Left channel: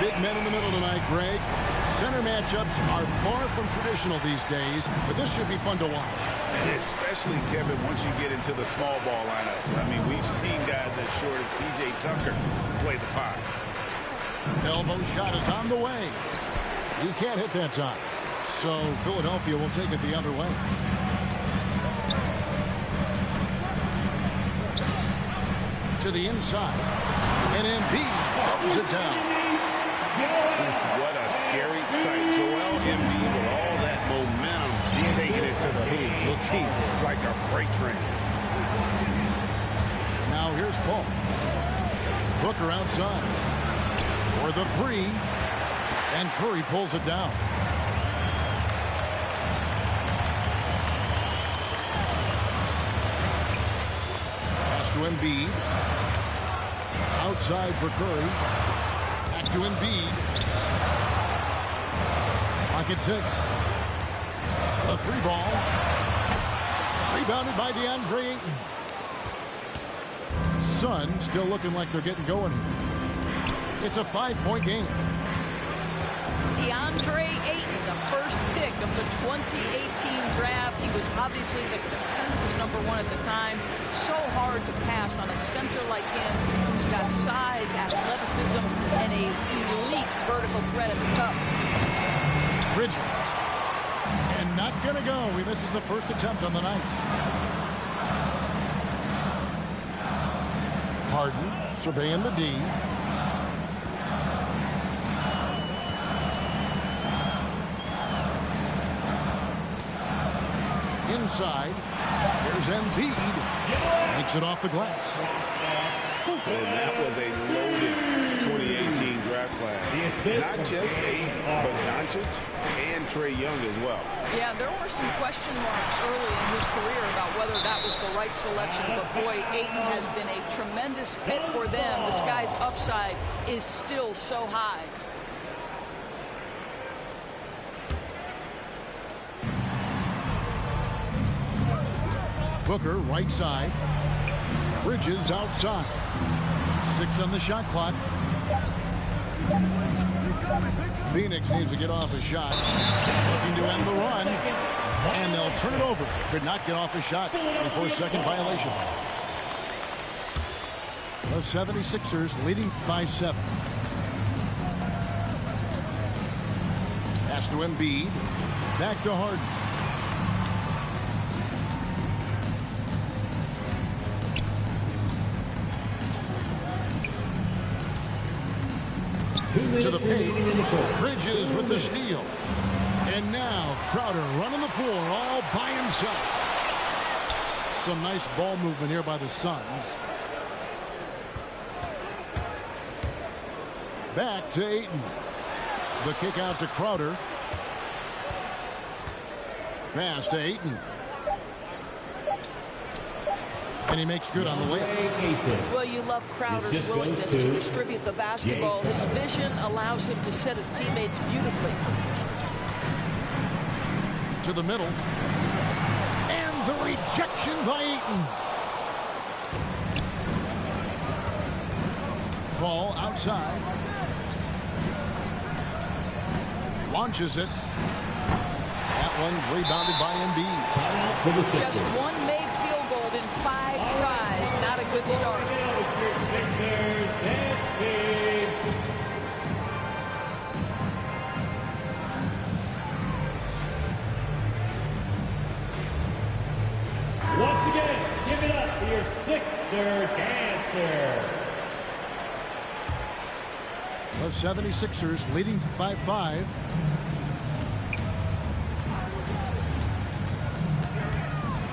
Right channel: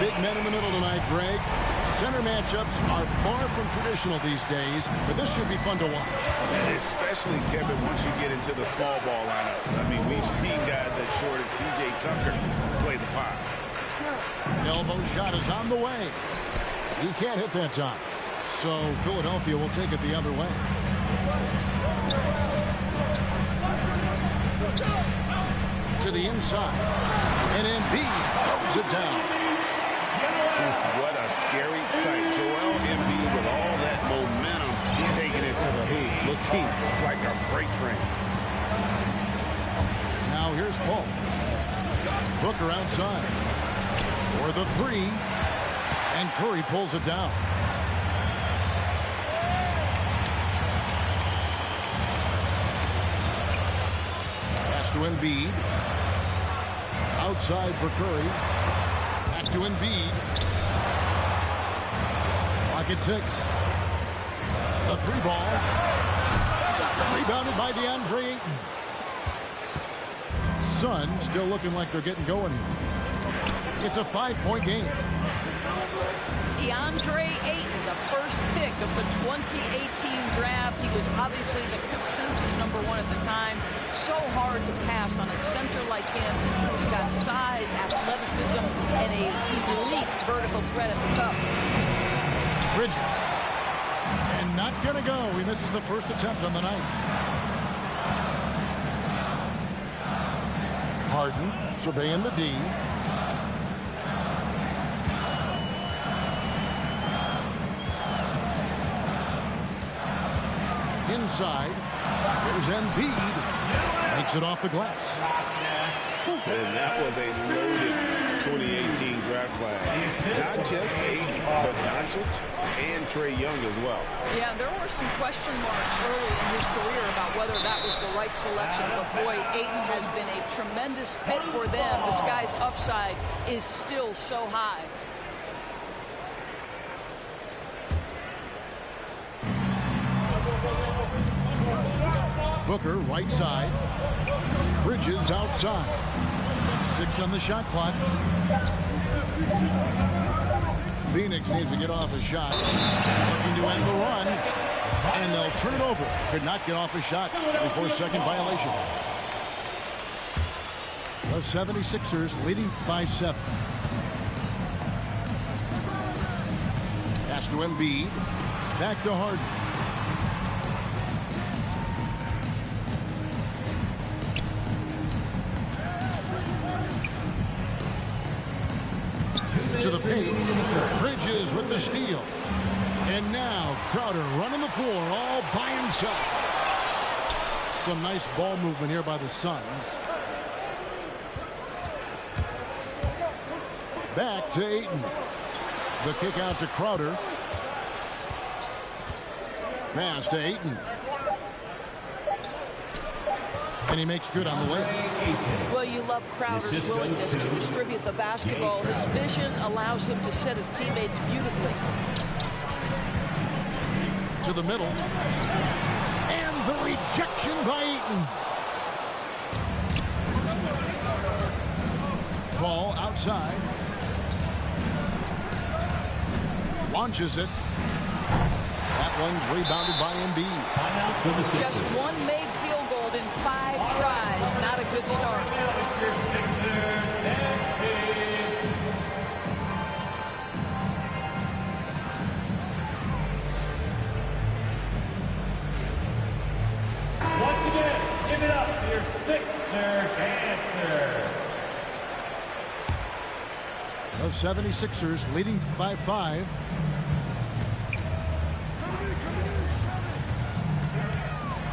big men in the middle tonight, Greg. Center matchups are far from traditional these days, but this should be fun to watch. And especially, Kevin, once you get into the small ball lineups. I mean, we've seen guys as short as P.J. Tucker play the 5. Elbow shot is on the way. He can't hit that time. So Philadelphia will take it the other way. To the inside. And Embiid throws it down. What a scary sight. Joel Embiid with all that momentum taking it to the hoop, looking like a freight train. Now here's Paul. Booker outside. For the 3. And Curry pulls it down. Pass to Embiid. Outside for Curry. Back to Embiid. Clock at 6. A 3 ball. Rebounded by DeAndre Ayton. Suns still looking like they're getting going here. It's a 5-point game. DeAndre Ayton, the first pick of the 2018 draft. He was obviously the consensus #1 at the time. So hard to pass on a center like him who's got size, athleticism, and an elite vertical threat at the cup. Bridges. And not going to go. He misses the first attempt on the night. Harden surveying the D. Inside. Here's Embiid. Makes it off the glass. And that was a loaded 2018 draft class. Not just Ayton, but Doncic and Trae Young as well. Yeah, there were some question marks early in his career about whether that was the right selection. But boy, Ayton has been a tremendous fit for them. This guy's upside is still so high. Booker right side. Bridges outside. 6 on the shot clock. Phoenix needs to get off a shot. Looking to end the run. And they'll turn it over. Could not get off a shot. 24-second violation. The 76ers leading by 7. Pass to Embiid. Back to Harden. To the paint. Bridges with the steal. And now Crowder running the floor all by himself. Some nice ball movement here by the Suns. Back to Ayton. The kick out to Crowder. Pass to Ayton. And he makes good on the way. Well, you love Crowder's willingness to distribute the basketball. His vision allows him to set his teammates beautifully. To the middle. And the rejection by Ayton. Ball outside. Launches it. That one's rebounded by Embiid. Just one made field goal in 5 tries. Not a good start. Once again, give it up for your Sixer dancer. The 76ers leading by 5.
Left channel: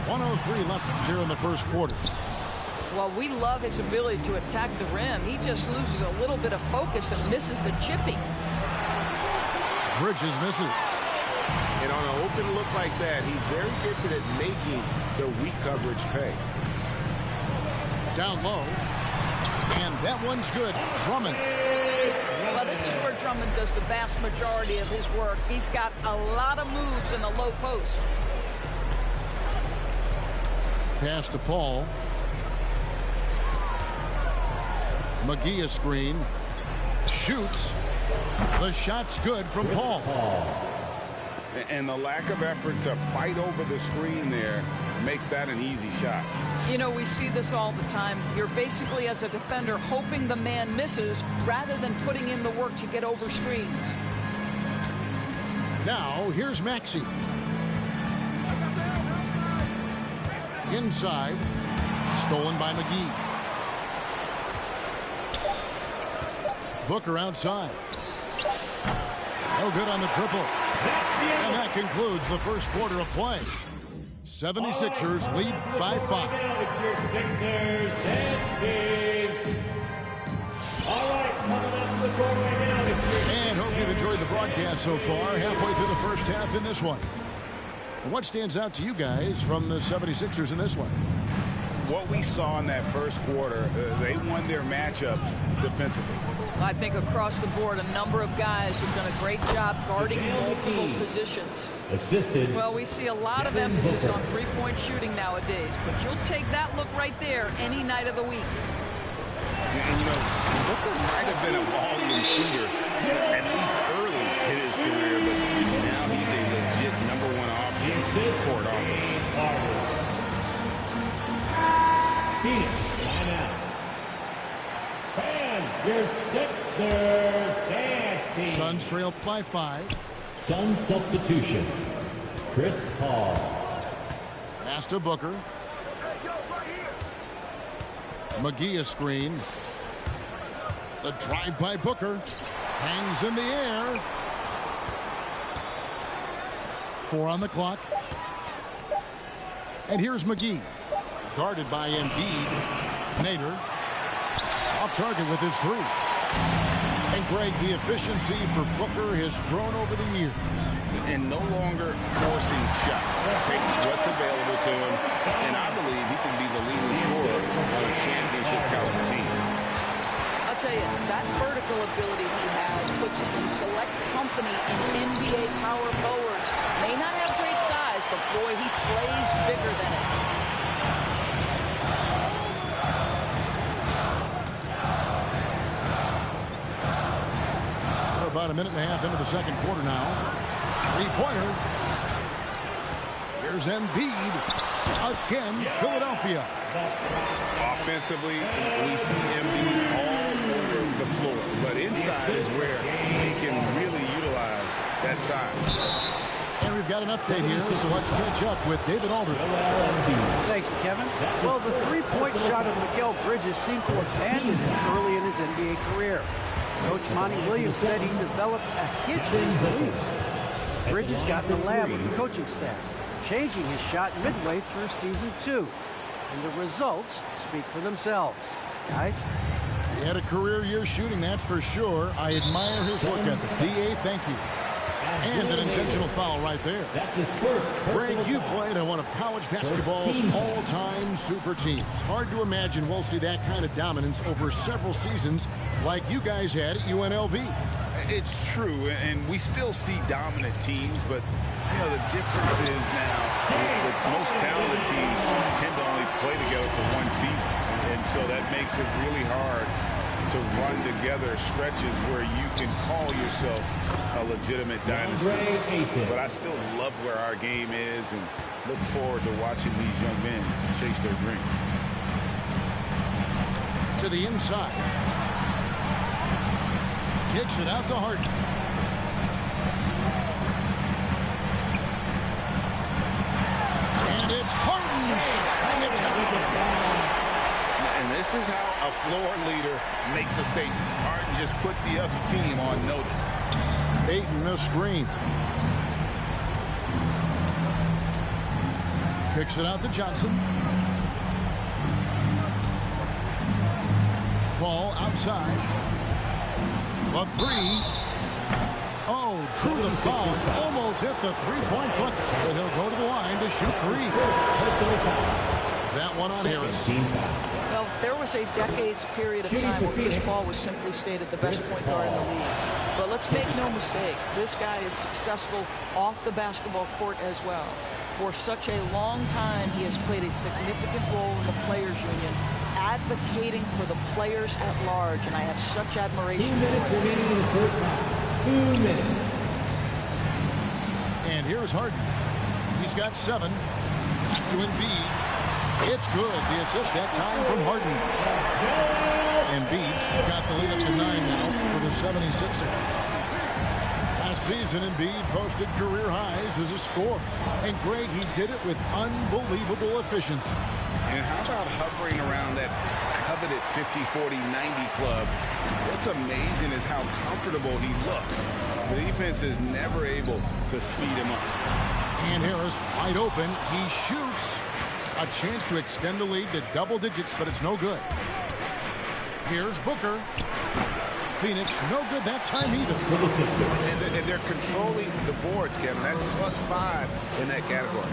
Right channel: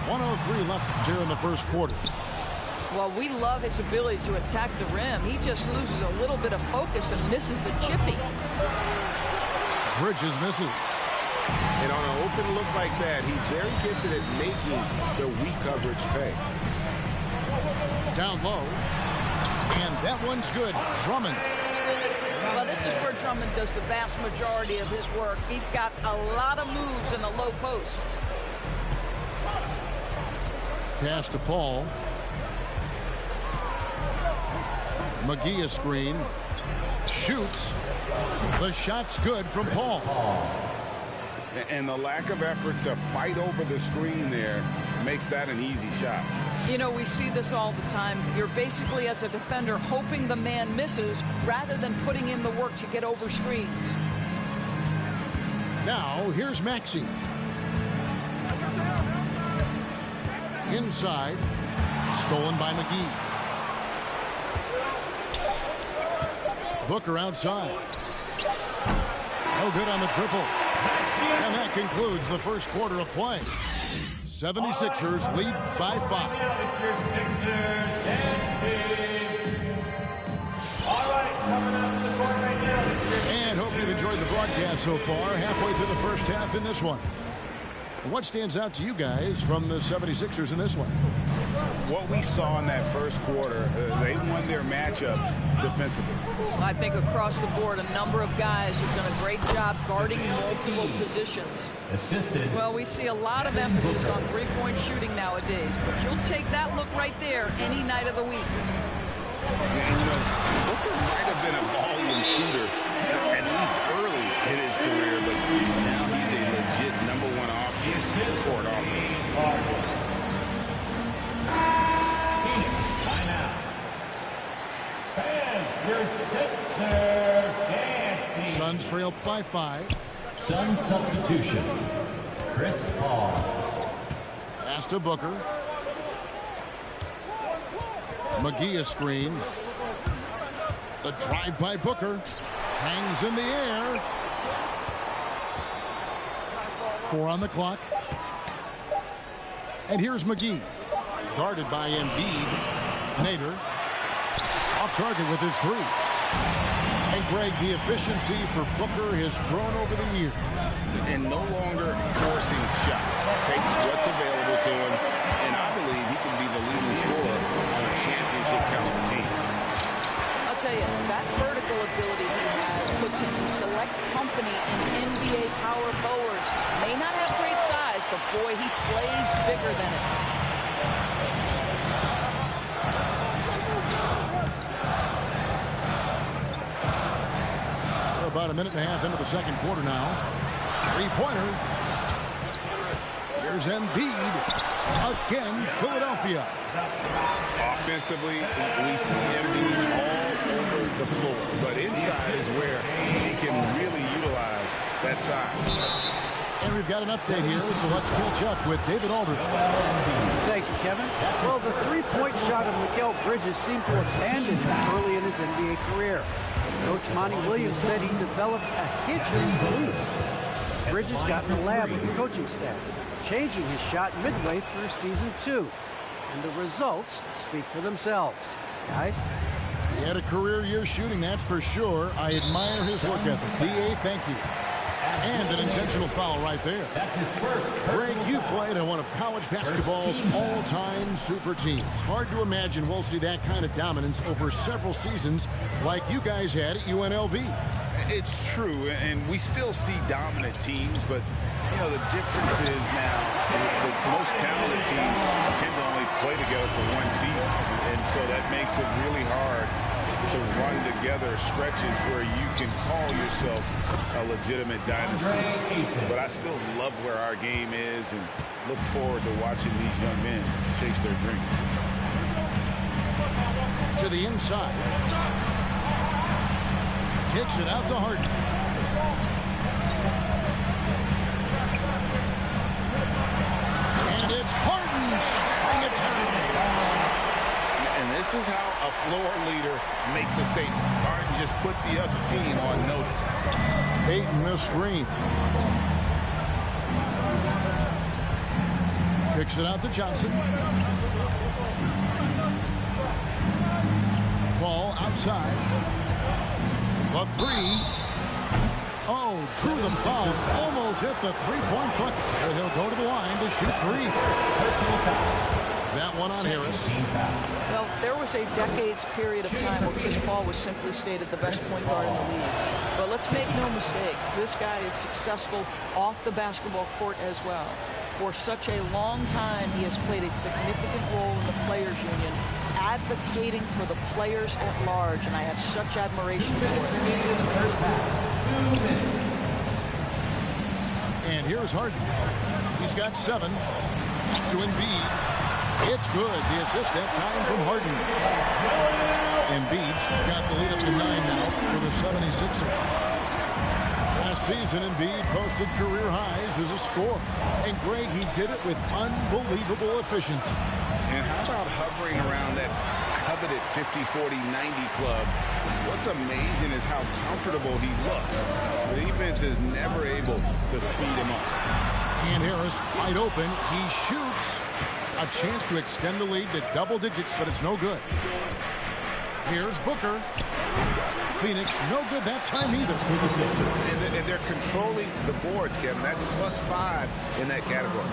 .103 left here in the first quarter. Well, we love his ability to attack the rim. He just loses a little bit of focus and misses the chippy. Bridges misses. And on an open look like that, he's very gifted at making the weak coverage pay. Down low. And that one's good. Drummond. Well, this is where Drummond does the vast majority of his work. He's got a lot of moves in the low post. Pass to Paul. McGee a screen. Shoots. The shot's good from Paul. And the lack of effort to fight over the screen there makes that an easy shot. You know, we see this all the time. You're basically, as a defender, hoping the man misses rather than putting in the work to get over screens. Now, here's Maxey. Inside. Stolen by McGee. Booker outside. No good on the triple. And that concludes the first quarter of play. 76ers lead by 5. Now it's your Sixers dance team. All right, coming up to the court right now. And hope you've enjoyed the broadcast so far. Halfway through the first half in this one. What stands out to you guys from the 76ers in this one? What we saw in that first quarter, they won their matchups defensively. I think across the board, a number of guys have done a great job guarding multiple positions. Assisted. Well, we see a lot of emphasis on three-point shooting nowadays, but you'll take that look right there any night of the week. And, you know, Booker might have been a volume shooter, at least early in his career, but now he's a legit #1 option for an offense. Phoenix, timeout. Fans, your Sixers dance team. Suns trail by 5. Sun substitution. Chris Paul. Pass to Booker. McGee a screen. The drive by Booker. Hangs in the air. 4 on the clock. And here's McGee. Guarded by Embiid. Nader. Off target with his 3. And Greg, the efficiency for Booker has grown over the years. And no longer forcing shots. Takes what's available to him. And I believe he can be the leading scorer on a championship caliber team. I'll tell you, that vertical ability he has puts him in select company in NBA power forwards. May not have great size, but boy, he plays bigger than it. We're about a minute and a half into the second quarter now. Three-pointer. Here's Embiid. Again, Philadelphia. Offensively, we see Embiid all over the floor. But inside is where he can really utilize that size. And we've got an update here, so let's catch up with David Aldridge. Thank you, Kevin. Well, the three-point shot of Mikal Bridges seemed to abandon him early in his NBA career. Coach Monty Williams said he developed a hitch in his release. Bridges got in the lab with the coaching staff, changing his shot midway through season 2. And the results speak for themselves. Guys? He had a career year shooting, that's for sure. I admire his work ethic. D.A., thank you. And an intentional foul right there. That's his first. Greg, you played on one of college basketball's all-time super teams. Hard to imagine we'll see that kind of dominance over several seasons like you guys had at UNLV. It's true, and we still see dominant teams, but you know, the difference is now the most talented teams tend to only play together for one season, and so that makes it really hard to run together stretches where you can call yourself a legitimate dynasty. But I still love where our game is and look forward to watching these young men chase their dreams. To the inside. Kicks it out to Harden. And it's Harden shutting it down. And this is how a floor leader makes a statement. Harden just put the other team on notice. Ayton the screen. Kicks it out to Johnson. Paul outside. The 3. Oh, drew the foul. Almost hit the three-point bucket. But he'll go to the line to shoot 3. That one on Harris. Well, there was a decades period of time where Chris Paul was simply stated the best point guard in the league. But let's make no mistake, this guy is successful off the basketball court as well. For such a long time, he has played a significant role in the Players Union, advocating for the players at large, and I have such admiration for it. 2 minutes. And here's Harden. He's got 7. Back to Embiid. It's good. The assist that time from Harden. Embiid's got the lead up to 9 now for the 76ers. Last season, Embiid posted career highs as a scorer. And Greg, he did it with unbelievable efficiency. And how about hovering around that coveted 50-40-90 club? What's amazing is how comfortable he looks. The defense is never able to speed him up. And Harris wide open. He shoots. A chance to extend the lead to double digits, but it's no good. Here's Booker. Phoenix, no good that time either. And they're controlling the boards, Kevin. That's +5 in that category.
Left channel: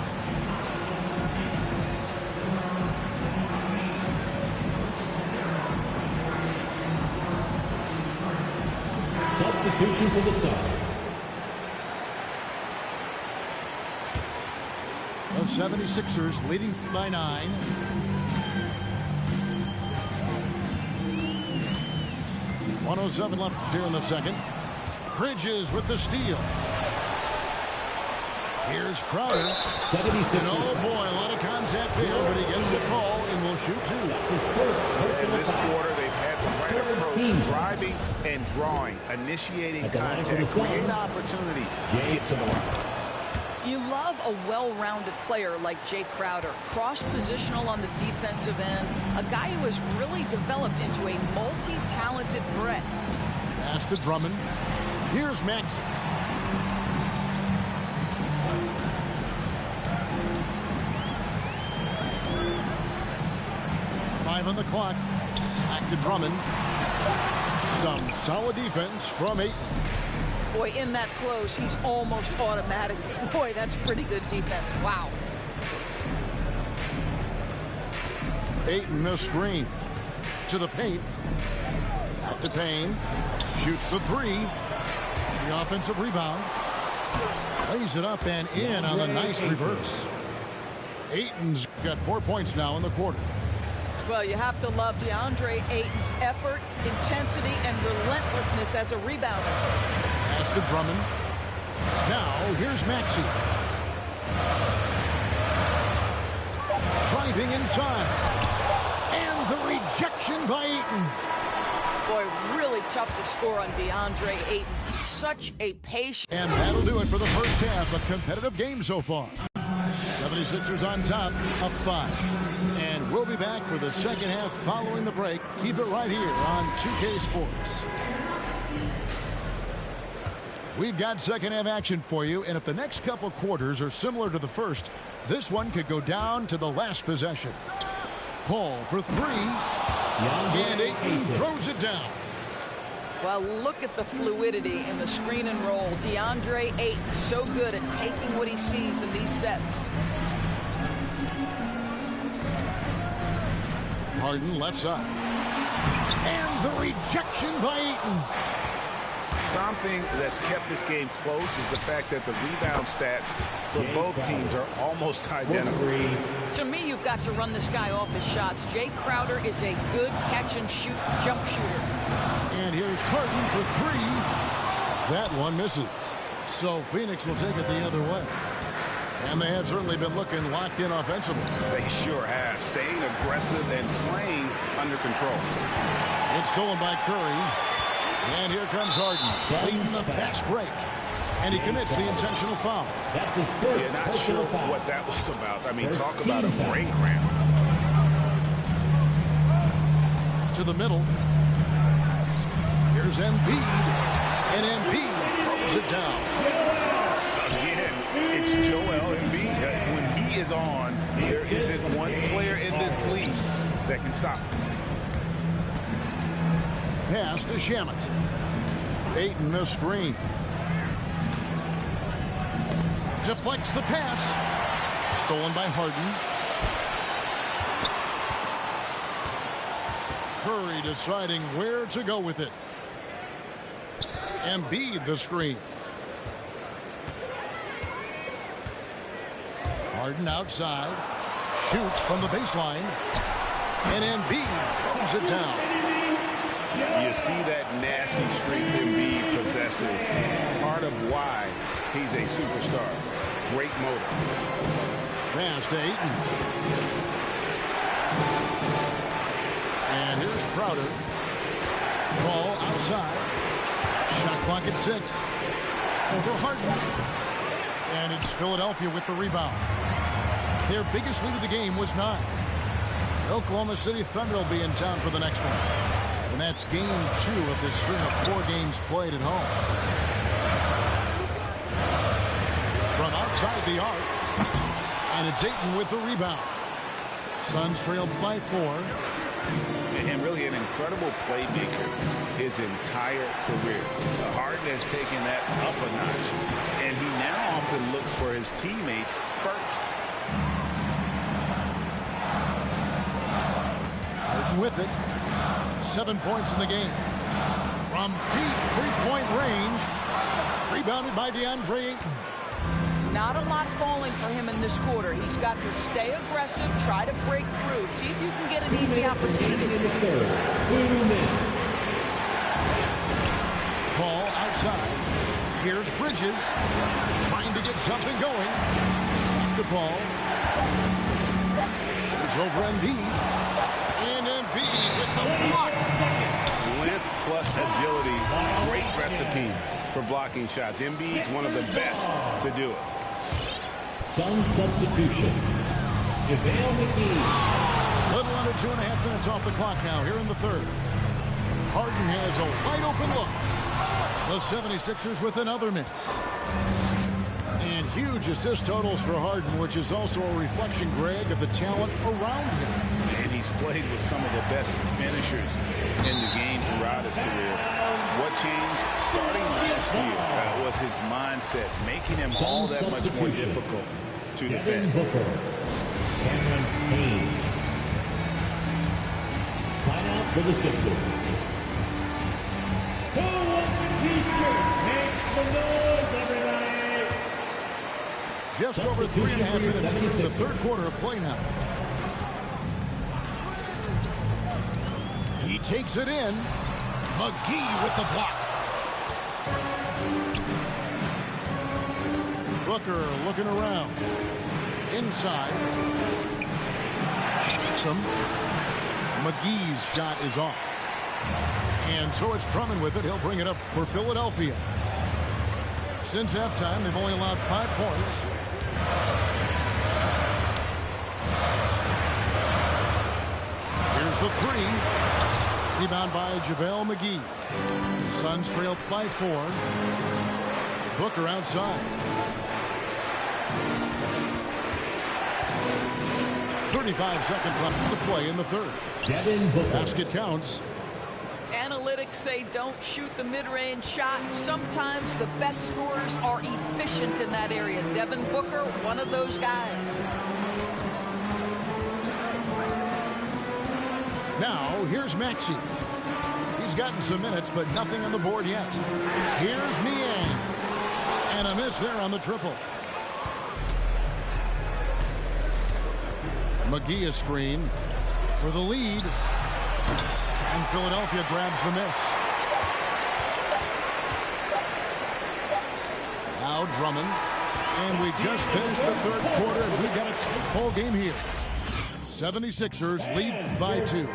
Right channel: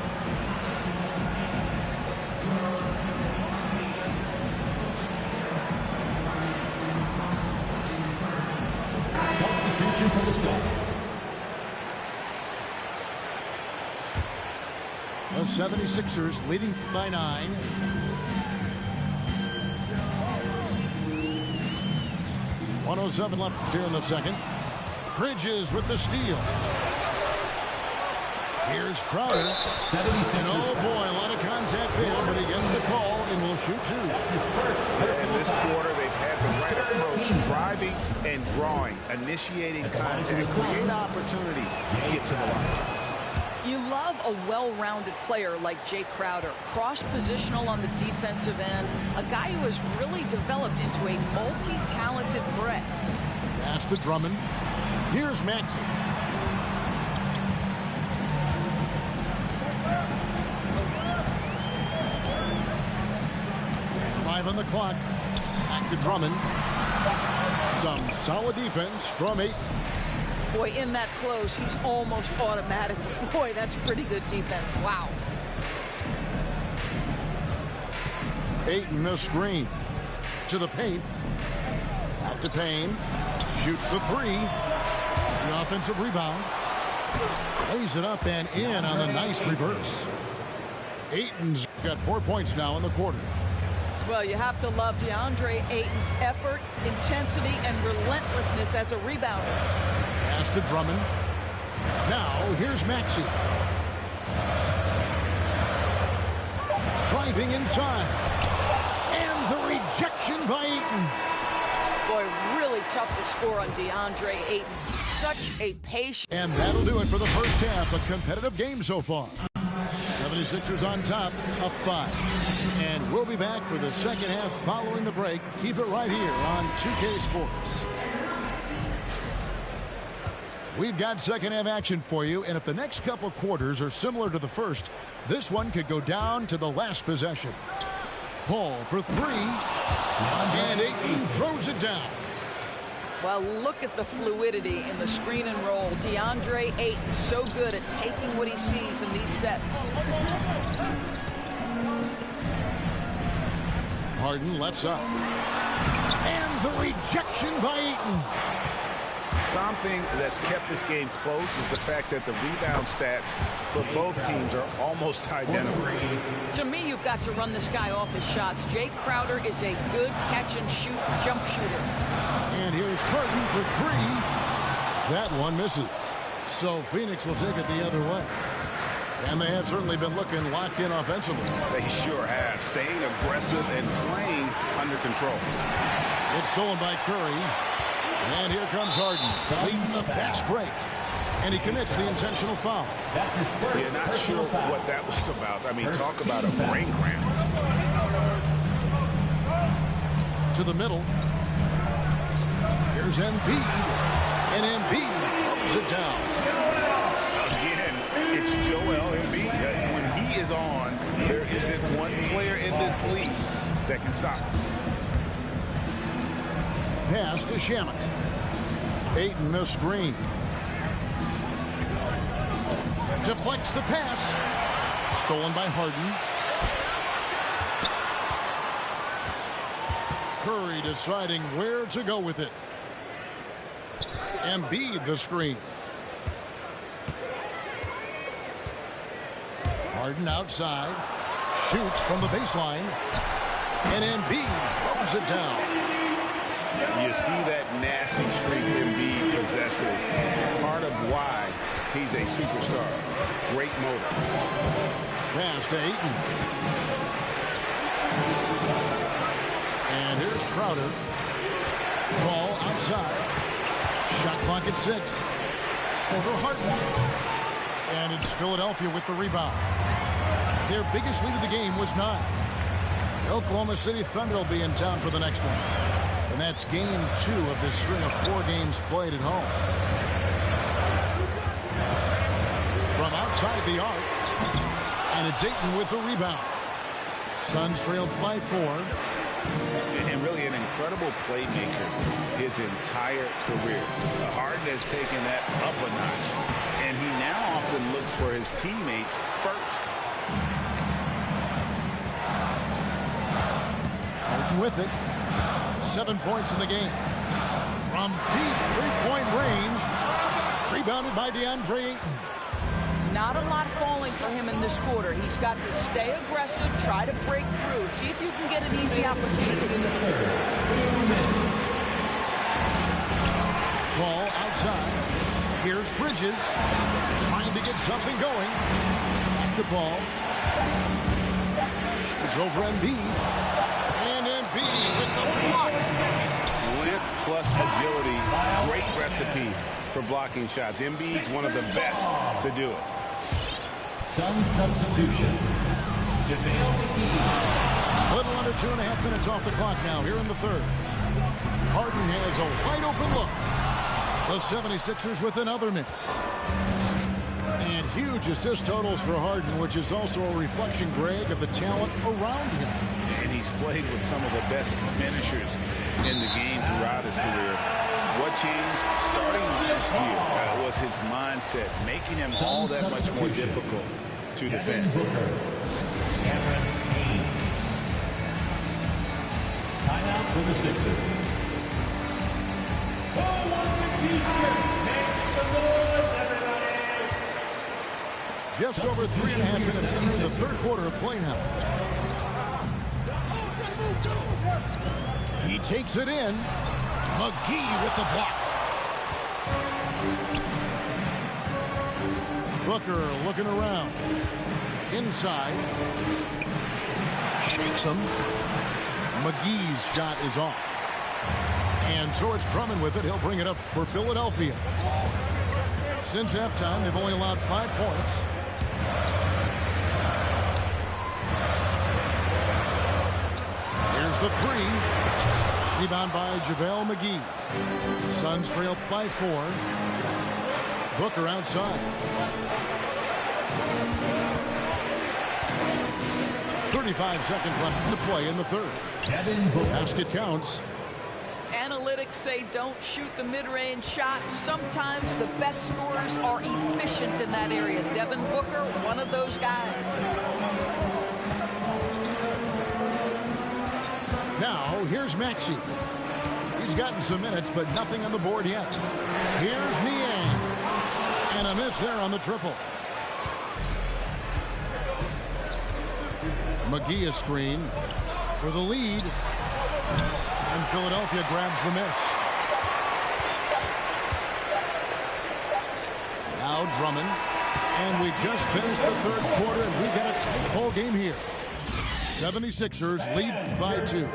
Substitution for the Suns. The 76ers leading by 9. .107 left here in the second. Bridges with the steal. Here's Crowder. 76ers. And oh boy, a lot of contact there, but he gets the call and will shoot 2. That's his first personal In this foul. quarter, they've had the right approach, driving and drawing, initiating contact, create opportunities, get to the line. You love a well-rounded player like Jay Crowder, cross-positional on the defensive end, a guy who has really developed into a multi-talented threat. Pass to Drummond. Here's Maxey. Five on the clock. Back to Drummond. Some solid defense from Ayton. Boy, in that close, he's almost automatic. Boy, that's pretty good defense. Wow. Ayton a screen. To the paint. Back to Payne. Shoots the 3. The offensive rebound. Lays it up and in on the nice reverse. Ayton's got 4 points now in the quarter. Well, you have to love DeAndre Ayton's effort, intensity, and relentlessness as a rebounder. Pass to Drummond. Now, here's Maxey. Driving inside. And the rejection by Ayton. Boy, really tough to score on DeAndre Ayton. Such a patient. And that'll do it for the first half. A competitive game so far. 76ers on top, up 5. And we'll be back for the second half following the break. Keep it right here on 2K Sports. We've got second half action for you, and if the next couple quarters are similar to the first, this one could go down to the last possession. Paul for 3, and Ayton throws it down. Well, look at the fluidity in the screen and roll. DeAndre Ayton so good at taking what he sees in these sets. Harden left side. And the rejection by Ayton. Something that's kept this game close is the fact that the rebound stats for both teams are almost identical. To me, you've got to run this guy off his shots. Jay Crowder is a good catch-and-shoot jump shooter. And here's Harden for 3. That one misses. So Phoenix will take it the other way. And they have certainly been looking locked in offensively. They sure have, staying aggressive and playing under control. It's stolen by Curry. And here comes Harden, leading the fast break. And he commits the intentional foul. That's his first. Yeah, not sure what that was about. I mean, talk about a brain cramp. To the middle. Here's Embiid. And Embiid throws it down. Again, it's Joel Embiid. When he is on, there isn't one player in this league that can stop him. Pass to Shamet. Ayton a screen. Deflects the pass. Stolen by Harden. Curry deciding where to go with it. Embiid the screen. Harden outside. Shoots from the baseline. And Embiid throws it down. You you see that nasty streak Embiid possesses. Part of why he's a superstar. Great motor. Pass to Ayton. And here's Crowder. Ball outside. Shot clock at 6. Over Harden. And it's Philadelphia with the rebound. Their biggest lead of the game was 9. The Oklahoma City Thunder will be in town for the next one. And that's game 2 of this string of 4 games played at home. From outside the arc. And it's Ayton with the rebound. Suns trailed by 4. And really an incredible playmaker his entire career. Harden has taken that up a notch. And he now often looks for his teammates first. Harden with it. 7 points in the game. From deep three-point range. Rebounded by DeAndre Ayton. Not a lot falling for him in this quarter. He's got to stay aggressive, try to break through. See if you can get an easy opportunity. Ball outside. Here's Bridges. Trying to get something going. Back to Paul. Shoots over Embiid. And Embiid with the block. Length plus agility. Great recipe for blocking shots. Embiid's one of the best to do it. Some substitution. JaVale McGee. Little under 2.5 minutes off the clock now here in the third. Harden has a wide open look. The 76ers with another miss. And huge assist totals for Harden, which is also a reflection, Greg, of the talent around him. And he's played with some of the best finishers in the game throughout his career. What changed starting last year was his mindset, making him all that much more difficult to defend. Booker. Cameron Payne. Timeout for the Sixers. Who wants a t-shirt? Make some noise, everybody! Just over 3.5 minutes through the third quarter of play now. He takes it in. McGee with the block. Booker looking around. Inside. Shakes him. McGee's shot is off. And so it's Drummond with it. He'll bring it up for Philadelphia. Since halftime, they've only allowed 5 points. Here's the 3. Rebound by JaVale McGee. Suns trail by 4. Booker outside. 35 seconds left to play in the third. Basket counts. Analytics say don't shoot the mid-range shot. Sometimes the best scorers are efficient in that area. Devin Booker, one of those guys. Now, here's Maxey. He's gotten some minutes, but nothing on the board yet. Here's Niang. And a miss there on the triple. McGee a screen for the lead. And Philadelphia grabs the miss. Now Drummond. And we just finished the third quarter, and we've got a tight ball game here. 76ers lead by 2.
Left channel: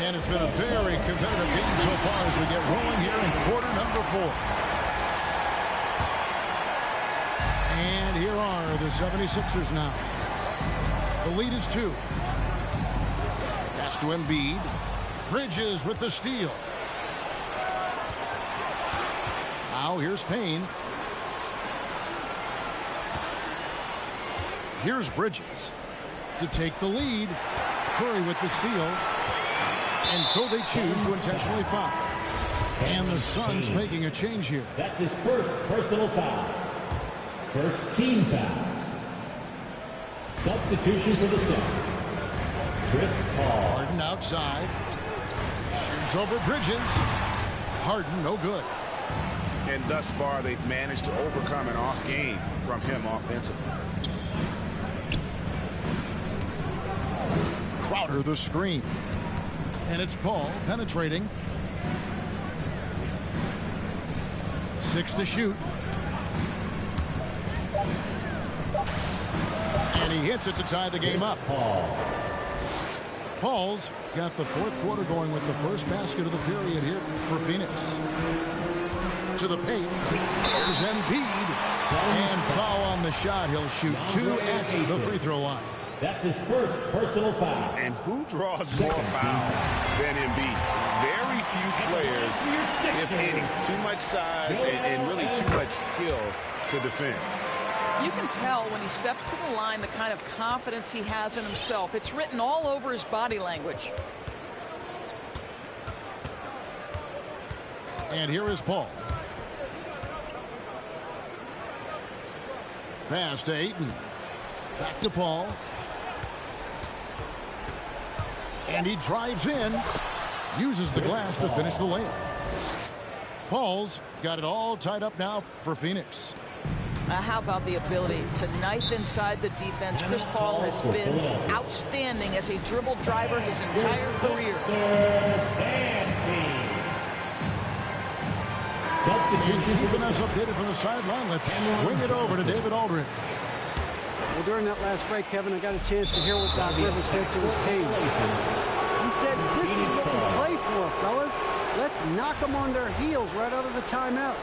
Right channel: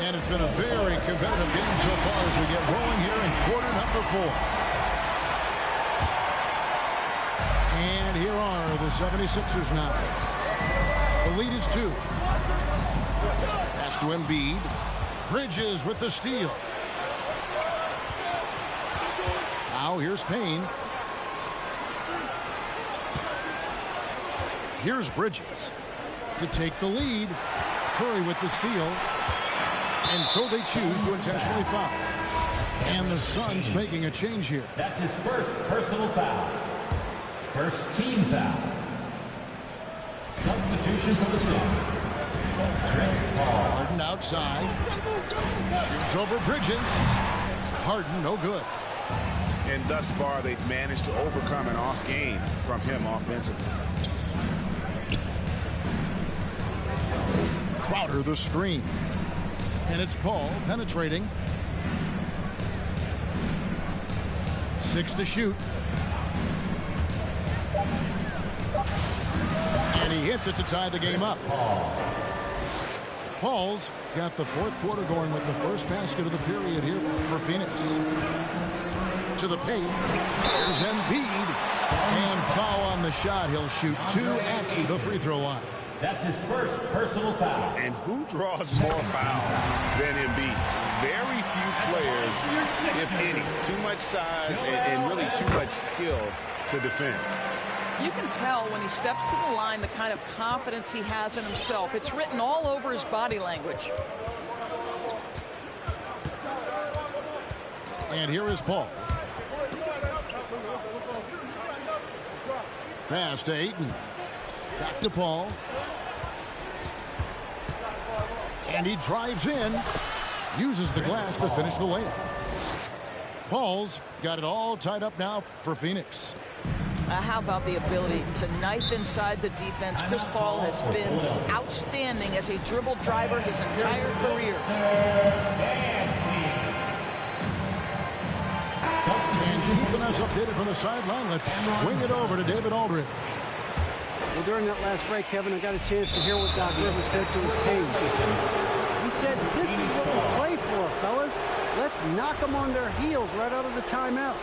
And it's been a very competitive game so far as we get rolling here in quarter number 4. And here are the 76ers now. The lead is 2. Pass to Embiid. Bridges with the steal. Now here's Payne. Here's Bridges to take the lead. Curry with the steal. And so they choose to intentionally foul. And the Suns making a change here. That's his first personal foul. First team foul. Substitution for the Suns. Chris Paul. Harden outside. Shoots over Bridges. Harden no good. And thus far, they've managed to overcome an off game from him offensively. Crowder the screen. And it's Paul penetrating. 6 to shoot. And he hits it to tie the game up. Paul's got the fourth quarter going with the first basket of the period here for Phoenix. To the paint. There's Embiid. And foul on the shot. He'll shoot 2 at the free throw line. That's his first personal foul. And who draws more fouls than Embiid? Very few players, if any. Too much size and really too much skill to defend. You can tell when he steps to the line the kind of confidence he has in himself. It's written all over his body language. And here is Paul. Pass to Ayton. Back to Paul. And he drives in. Uses the glass to finish the layup. Paul's got it all tied up now for Phoenix. How about the ability to knife inside the defense? Chris Paul has been outstanding as a dribble driver his entire career. And keeping us updated from the sideline, let's swing it over to David Aldridge. Well, during that last break, Kevin, I got a chance to hear what Doc Rivers said to his team. He said, this is what we play for, fellas. Let's knock them on their heels right out of the timeout.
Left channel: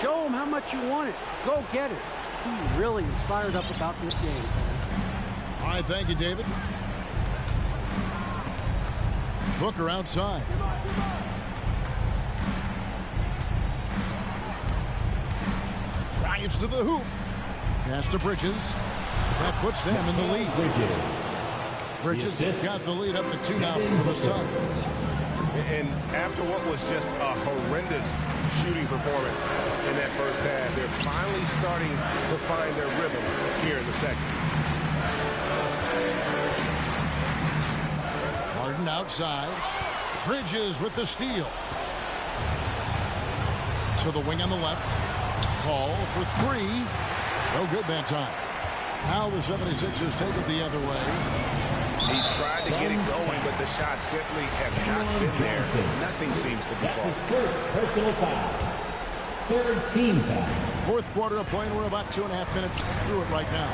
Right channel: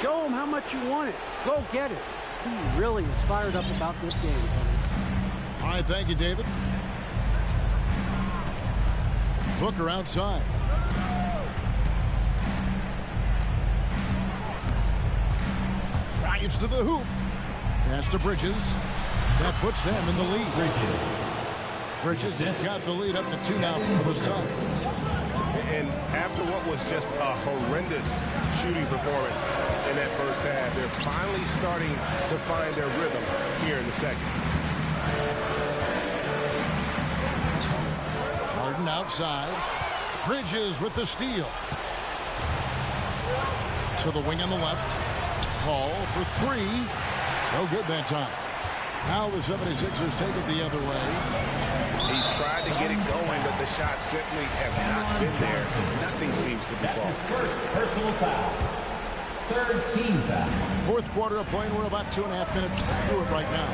Show them how much you want it. Go get it. He really is fired up about this game, Kevin. All right, thank you, David. Booker outside. Drives to the hoop. Pass to Bridges. That puts them in the lead. Bridges got the lead up to 2 now for the Suns. And after what was just a horrendous shooting performance in that first half, they're finally starting to find their rhythm here in the second. Harden outside. Bridges with the steal. To the wing on the left. Paul for 3. No good that time. Now the 76ers take it the other way. He's tried to get it going, but the shots simply have not been there. Nothing seems to be falling. That's his first personal foul. Third team foul. Fourth quarter of play, and we're about 2.5 minutes through it right now.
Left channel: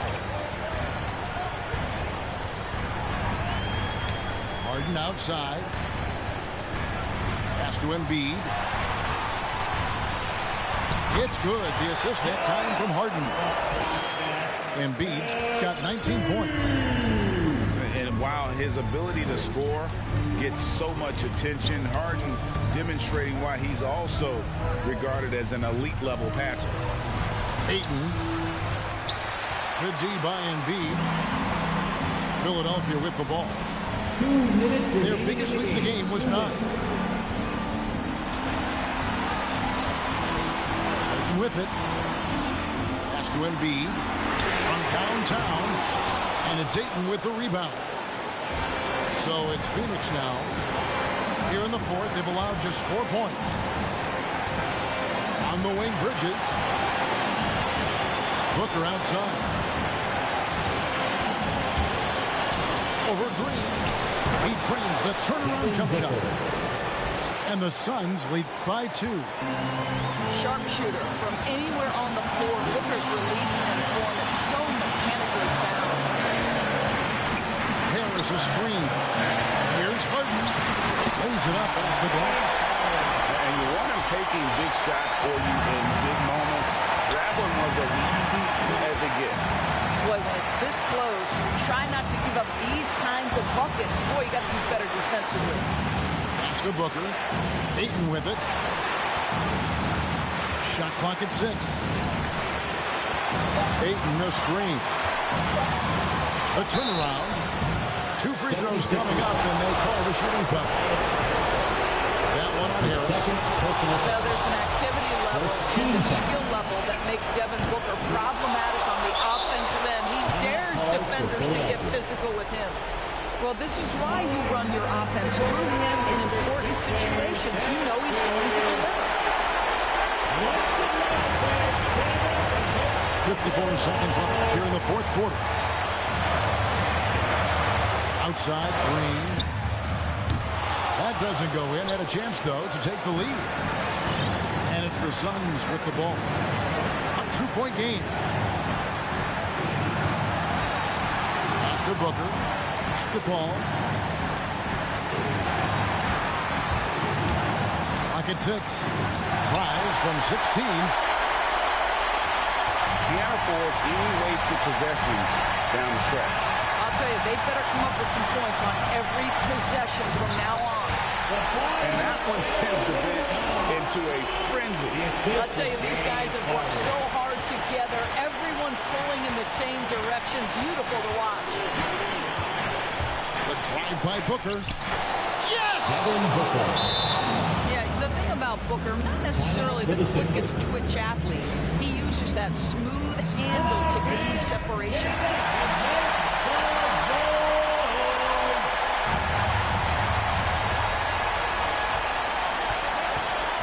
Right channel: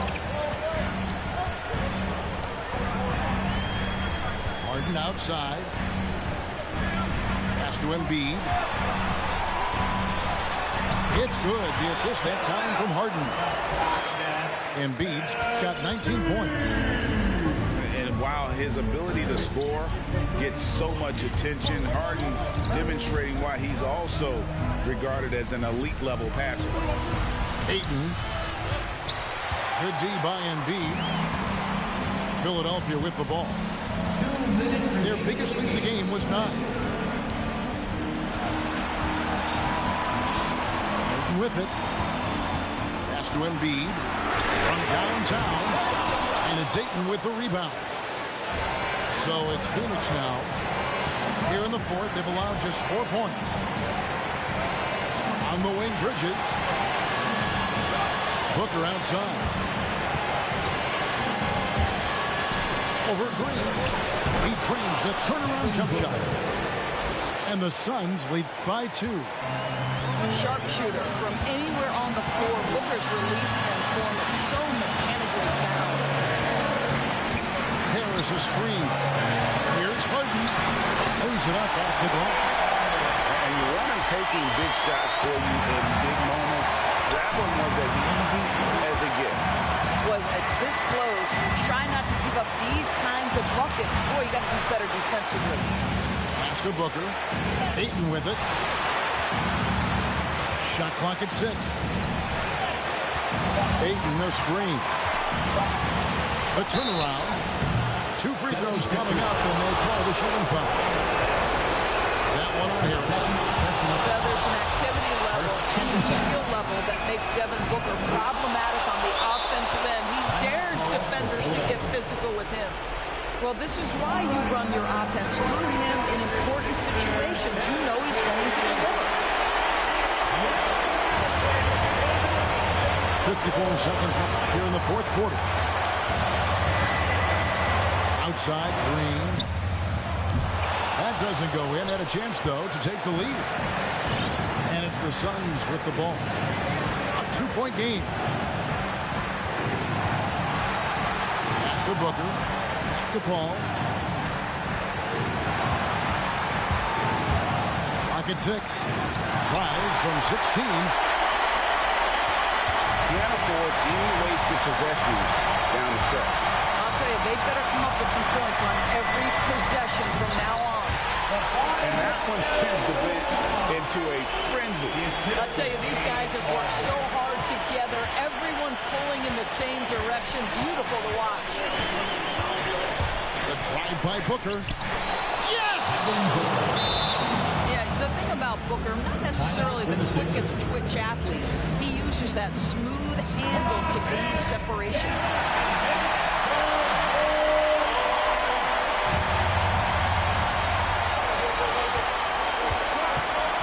Harden outside. Pass to Embiid. It's good. The assist that time from Harden. Embiid's got 19 points. And while his ability to score gets so much attention, Harden demonstrating why he's also regarded as an elite level passer. Ayton. Good D by Embiid. Philadelphia with the ball. 2 minutes. Their biggest lead of the game was 9. Ayton with it. Pass to Embiid from downtown. And it's Ayton with the rebound. So it's Phoenix now. Here in the fourth, they've allowed just 4 points. On the wing, Bridges. Booker outside. Over Green. He drains the turnaround jump shot. And the Suns lead by 2. Sharpshooter from anywhere on the floor. Booker's release and form, it's so mechanically sound. Harris a screen. Here's Harden. Lays it up off the glass. And you want him taking big shots for you in big moments. That one was as easy as it gets. Boy, when it's this close, you try not to give up these kinds of buckets. Boy, you got to do better defensively. Pass to Booker. Ayton with it. Shot clock at 6. Ayton a screen. A turnaround. 2 free throws coming up, and they call the shooting foul. That one on Harris. Well, there's an activity level and a skill level that makes Devin Booker problematic on the offensive end. He dares defenders to get physical with him. Well, this is why you run your offense through him in important situations. You know he's going to deliver. 54 seconds left here in the fourth quarter. Outside, Green. That doesn't go in. Had a chance, though, to take the lead. And it's the Suns with the ball. A 2-point game. Pass to Booker. Back to Paul. Pocket 6. Tries from 16. Can't afford any wasted possessions down the stretch. I'll tell you, they better come up with some points on every possession from now on. And that one sends the bench into a frenzy. I'll tell you, these guys have worked so hard together. Everyone pulling in the same direction. Beautiful to watch. The drive by Booker. Yes! Yeah, the thing about Booker, not necessarily the quickest twitch athlete. He uses that smooth handle to gain separation.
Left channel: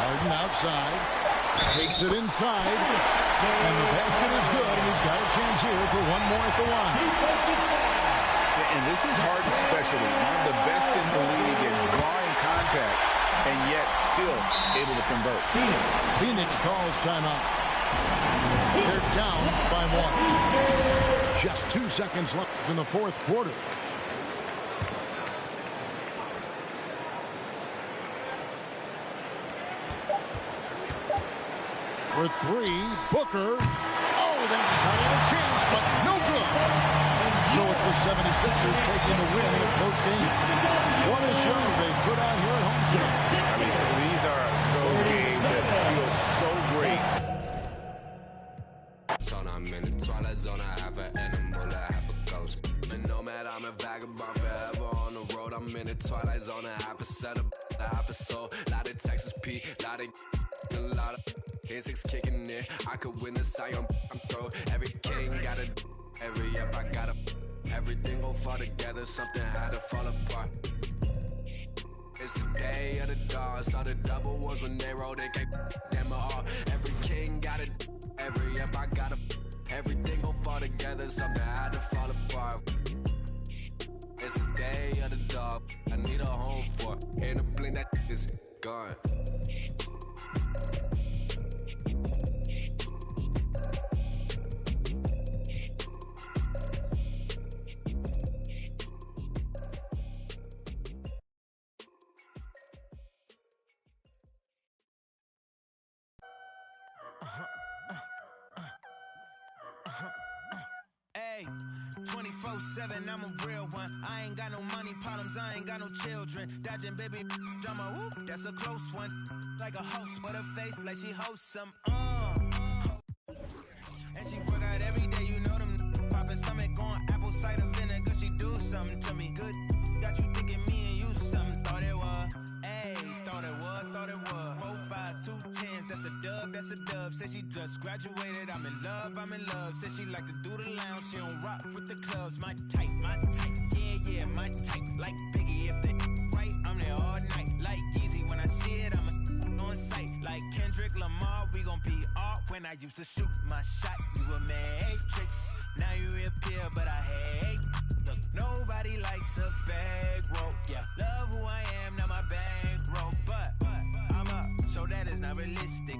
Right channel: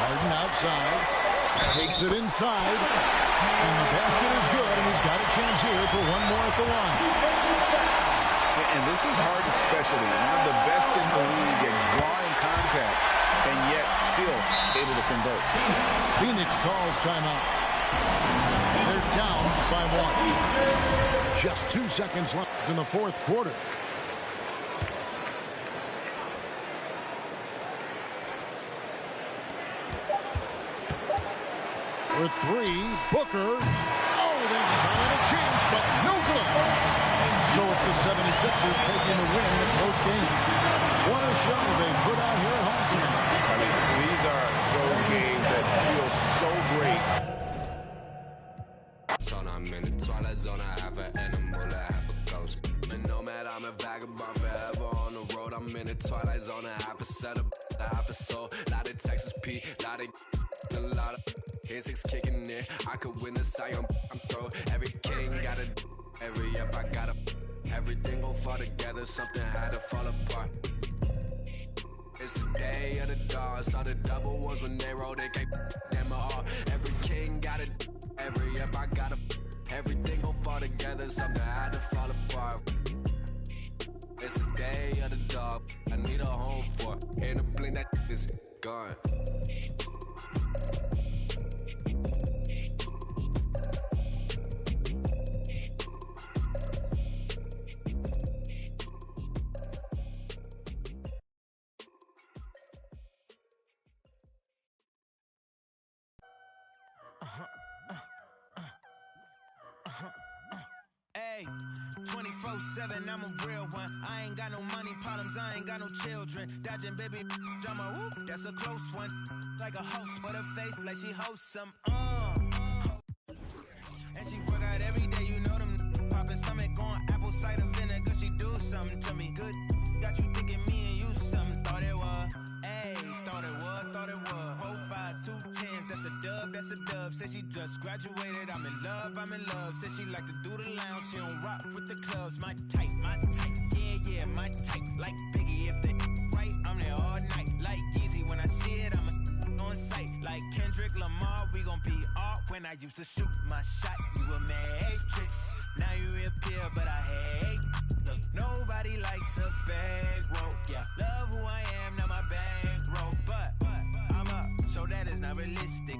Harden outside. Takes it inside. And the basket is good, and he's got a chance here for one more at the line. And this is Harden's specialty. One of the best in the league at drawing contact, and yet still able to convert. Phoenix calls timeout. They're down by 1. Just 2 seconds left in the fourth quarter. For 3, Booker. Oh, that shot had a chance, but no good. So it's the 76ers taking the win in a close game. What a show they put out here at home tonight. I mean, these are those games that feel so great. I'm in the twilight zone, I have an animal, I have a ghost. And no matter, I'm a vagabond forever on the road. I'm in the twilight zone, I have a setup, I have a soul. Lot of Texas P, lot of insects kicking in. I could win the Sion, I'm throw. Every king got a, every up I got a. Everything gon' fall together, something had to fall apart. It's the day of the dog, saw the double ones when they roll, they can't them all. Every king got it, every up I got a. Everything gon' fall together, something had to fall apart. It's the day of the dog, I need a home for. In a blink that is gone. Hey, 24/7, I'm a real one. I ain't got no money problems, I ain't got no children. Dodging baby drama, whoop, that's a close one. Like a host, but her face like she hosts some. And she work out every day, you know them. Poppin' stomach on apple cider vinegar, she do something to me. Good, got you thinking me and you something. Thought it was, ayy, thought it was. 4 5s, 2 10s, that's a dub, that's a dub. Said she just graduated, I'm in love. Said she like to do the lounge, she don't rock with the clubs. My type, yeah, my type. Like Biggie, if they right, I'm there all night. Like Yeezy, when I see it, I'm on sight. Like Kendrick Lamar, we gon' be off. When I used to shoot my shot, you a matrix. Now you reappear, but I hate. Look, nobody likes a fake rope. Yeah, love who I am, not my bankroll. But I'm up, so that is not realistic.